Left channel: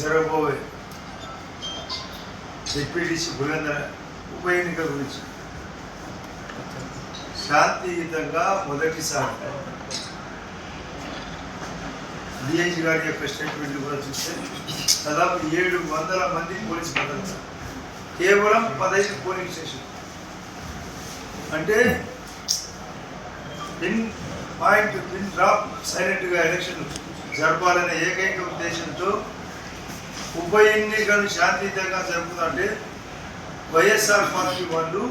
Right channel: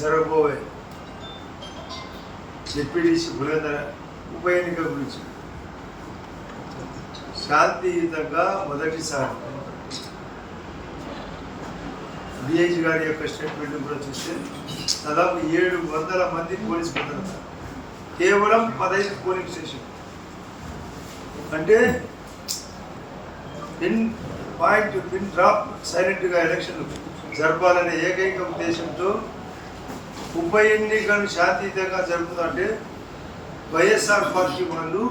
జరగబోయే డిప్యూటీసీ పురంధర ఉప ఎన్నిక గురించి. శాంతియుతంగా మొదటిసారి. డిఐజీ గారి యొక్క స్టేట్మెంట్ కూడా చూస్తే దాదాపు ఏడు వందల మంది పోలీస్ భద్రత. కేవలం పదహైదు పోలింగ్ స్టేషన్ అంటే పిన్ పాయింట్ పిన్ డ్రాప్ సైలెంట్గా ఎలక్షన్ జరపాలనే ఏకైక ఉద్దేశంతో ఉప ఎన్నికలు శాంతియుతంగా జరుగుతుందంటే వైఎస్ఆర్ పార్టీ వాళ్ళు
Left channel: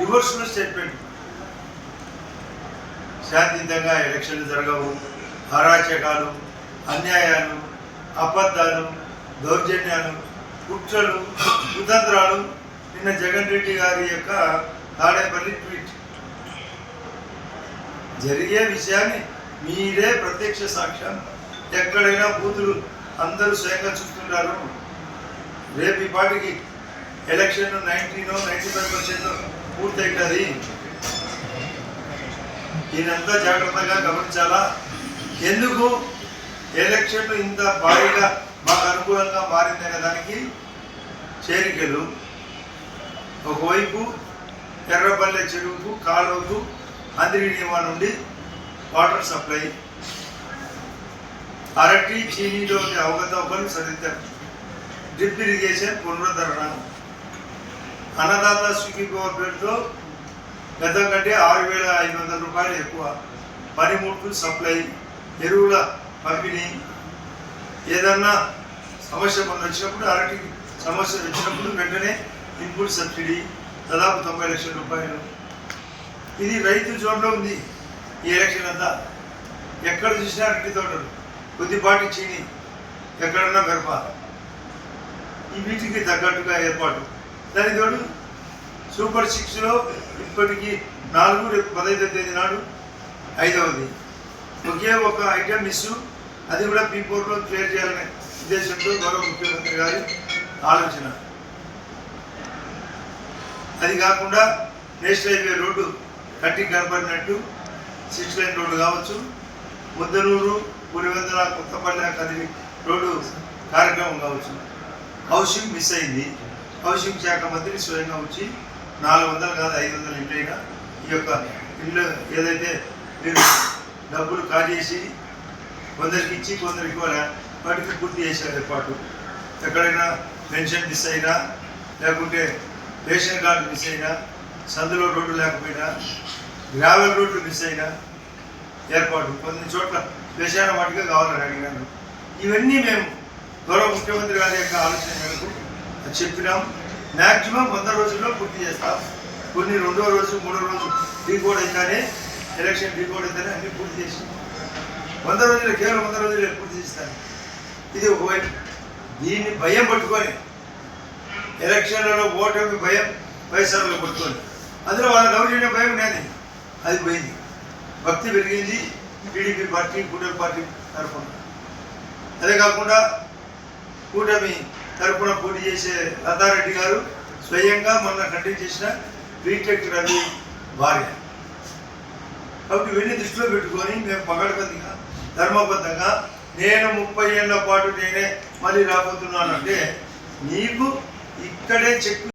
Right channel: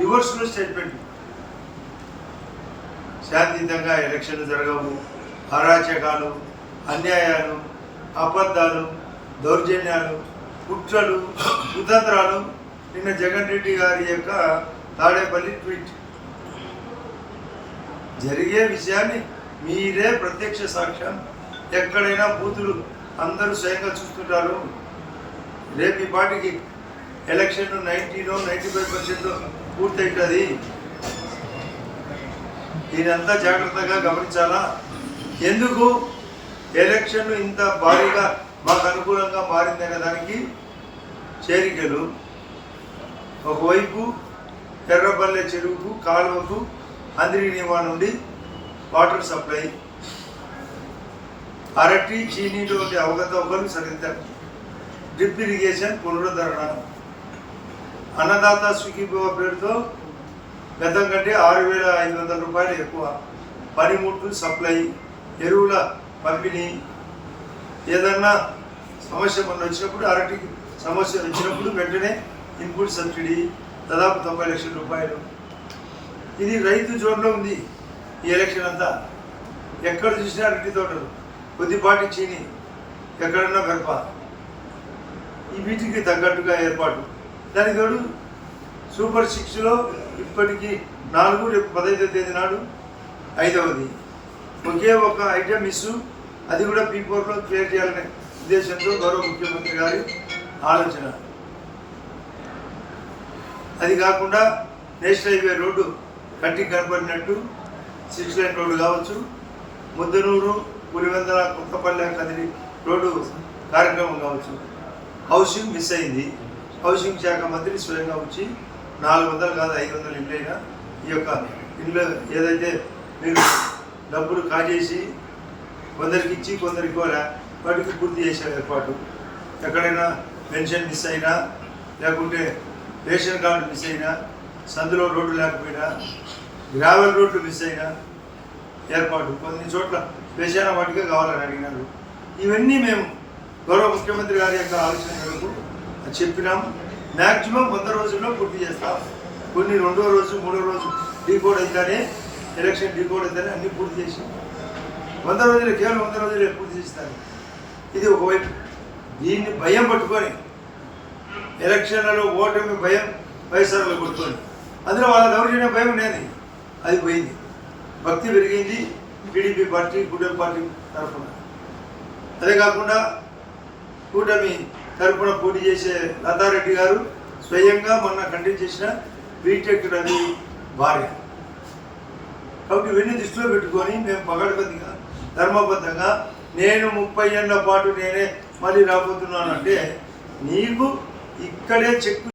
రివర్స్లో స్టేట్మెంట్. శాంతియుతంగా ఎలక్షన్లు జరగవు అరాచకాలు అన్యాయాలు అబద్ధాలు దౌర్జన్యాలు కుట్రలు కుతంత్రాలు. నిన్న జగన్ రెడ్డి గారి యొక్క తాడేపల్లి ట్వీట్. జరిగే విషయాన్ని మీరే ప్రత్యక్ష సాక్ష్యం. ఎక్కడైనా బూతులు అందరూ స్వయంగా చూస్తుంటారు. రేపు ఈ పార్టీకి ఎలక్షన్ నైన్టీనో నైంటీ ఫైవ్ పర్సెంట్ పూర్తవుతుంది దీనంతా జాగ్రత్తగా గమనించాలా? ఎందుకు? ఎలక్షన్ ఇంత భారీగా మాకు అనుకూలంగా మారిందనే దానికి చేరికలు. ఒకవైపు ఎర్రపల్లె చెరువుకు కాలువకు అందిరి నియమా నుండి వాటర్ సప్లై. అరటి చీనీలో ఒకరు సరిద్దరు డ్రిప్ ఇరిగేషన్ పునరుద్ధరణ. అన్నదాత సుఖీభవ పేరుతో గతం కంటే ఆరు వేల ఐదు వందల రూపాయలు ఎక్కువ. పనిముట్లు సప్లై ఎరువుల పంపిణీ. ఏదన్నా సమస్య మొన్న వచ్చినప్పుడు అరటికి సమస్య వచ్చినప్పుడు వెంటనే ఇన్పుట్ సబ్సిడీ దాదాపు తొంభై లక్షల రూపాయలు. ఇది రైతు జోన్లో ఉంది ఈ ఎలక్షన్ అంతా. ఎక్కడ చూసినా అరటి తోటలు. కొద్దిపాటి చీని ఎక్కడన్నా మిరప ఈ వీటికి తగ్గట్టుగా ఏర్పాటు. దాని తోడు సూపర్ సిక్స్లో ఇప్పటికీ నాలుగు రేపు పదహైదో తేదీ నాడు ఐదవది. ఒకే ఒక ఐటెం మిస్ అది కూడా పీ ఫోర్లో క్లియర్ చేయాలనే ఉద్దేశంతో గౌరవ ముఖ్యమంత్రి గారి ఆలోచన. అది కాకుండా నేషనల్ హైవే రోడ్డు కట్టి కనపడినట్టు సిక్స్ లైన్ రోడ్డు కావచ్చు ముద్దనూరు పులివెందల కొత్తపల్లె కదిలి రోడ్డు కార్యక్రమం కావచ్చు. హౌసింగ్ మిస్ అయింది. హౌసింగ్ శాఖ మంత్రి స్వయంగా వచ్చి నాలుగు వందలు కాదు ఐదు వందలు ఇంటైనా ఈ యొక్క ఇల్లు ఏదైతే మీరు డబ్బులు కాజేసి కొందరికి ఇచ్చి కొందరికి కూడా వాటికి పూర్తి చేసే ఏర్పాటు. ఎక్కడైనా పెన్షన్ మిస్ అయినా లేకుంటే రేషన్ కార్డు మిస్ అయినా సందులో రోడ్డు లేకపోయినా గ్రావెల్ రోడ్లు మిస్ అయినా ఏర్పాటు. కొన్ని చోట్ల దేశాల వాటిగా కావాలని అడిగినారు. ఇవన్నీ మేము గౌరవ ముఖ్యమంత్రి గారి యొక్క ఆలోచన మేరకు చెప్పినాం. మ్యాక్సిమం వంద రోజుల్లో పూర్తి చేస్తాం. కొన్ని రెండో రోజు మూడో రోజు డీకోడ్ అయితేనే ఎలక్షన్ డీకోడ్ అయితేనే అన్ని పూర్తి చేసి వంద రోజులు కేవలం వంద రోజులే పూర్తి చేస్తాను ఇది ఒకవైపు. దీన్ని భయం పట్టుకొని ఎలక్షన్లలో ఓటమి భయం వైఎస్ఆర్లో పట్టుకొని. అందులో వాళ్ళ దౌర్జన్య భయం ఉండేది అది పోయింది. భక్తి పెరిగింది. టీడీపీ పార్టీ కూటమి పార్టీ తరఫున. అదే కాకుండా కూటమి తరఫున పోటీ చేసే లతారెడ్డి గారు స్వయంగా మొన్న కండక్ట్ చేసిన బీటెక్ రవి భార్య. కాబట్టి ఇవన్నీ దృష్టిలో పెట్టుకొని మేము పగడబందిగా ధర్మబద్ధంగా నేను ముప్పై ఏళ్ళ పాటు నేనే మళ్ళీ రాబోతున్నానంటే నీకు ఇక్కడే చెక్కు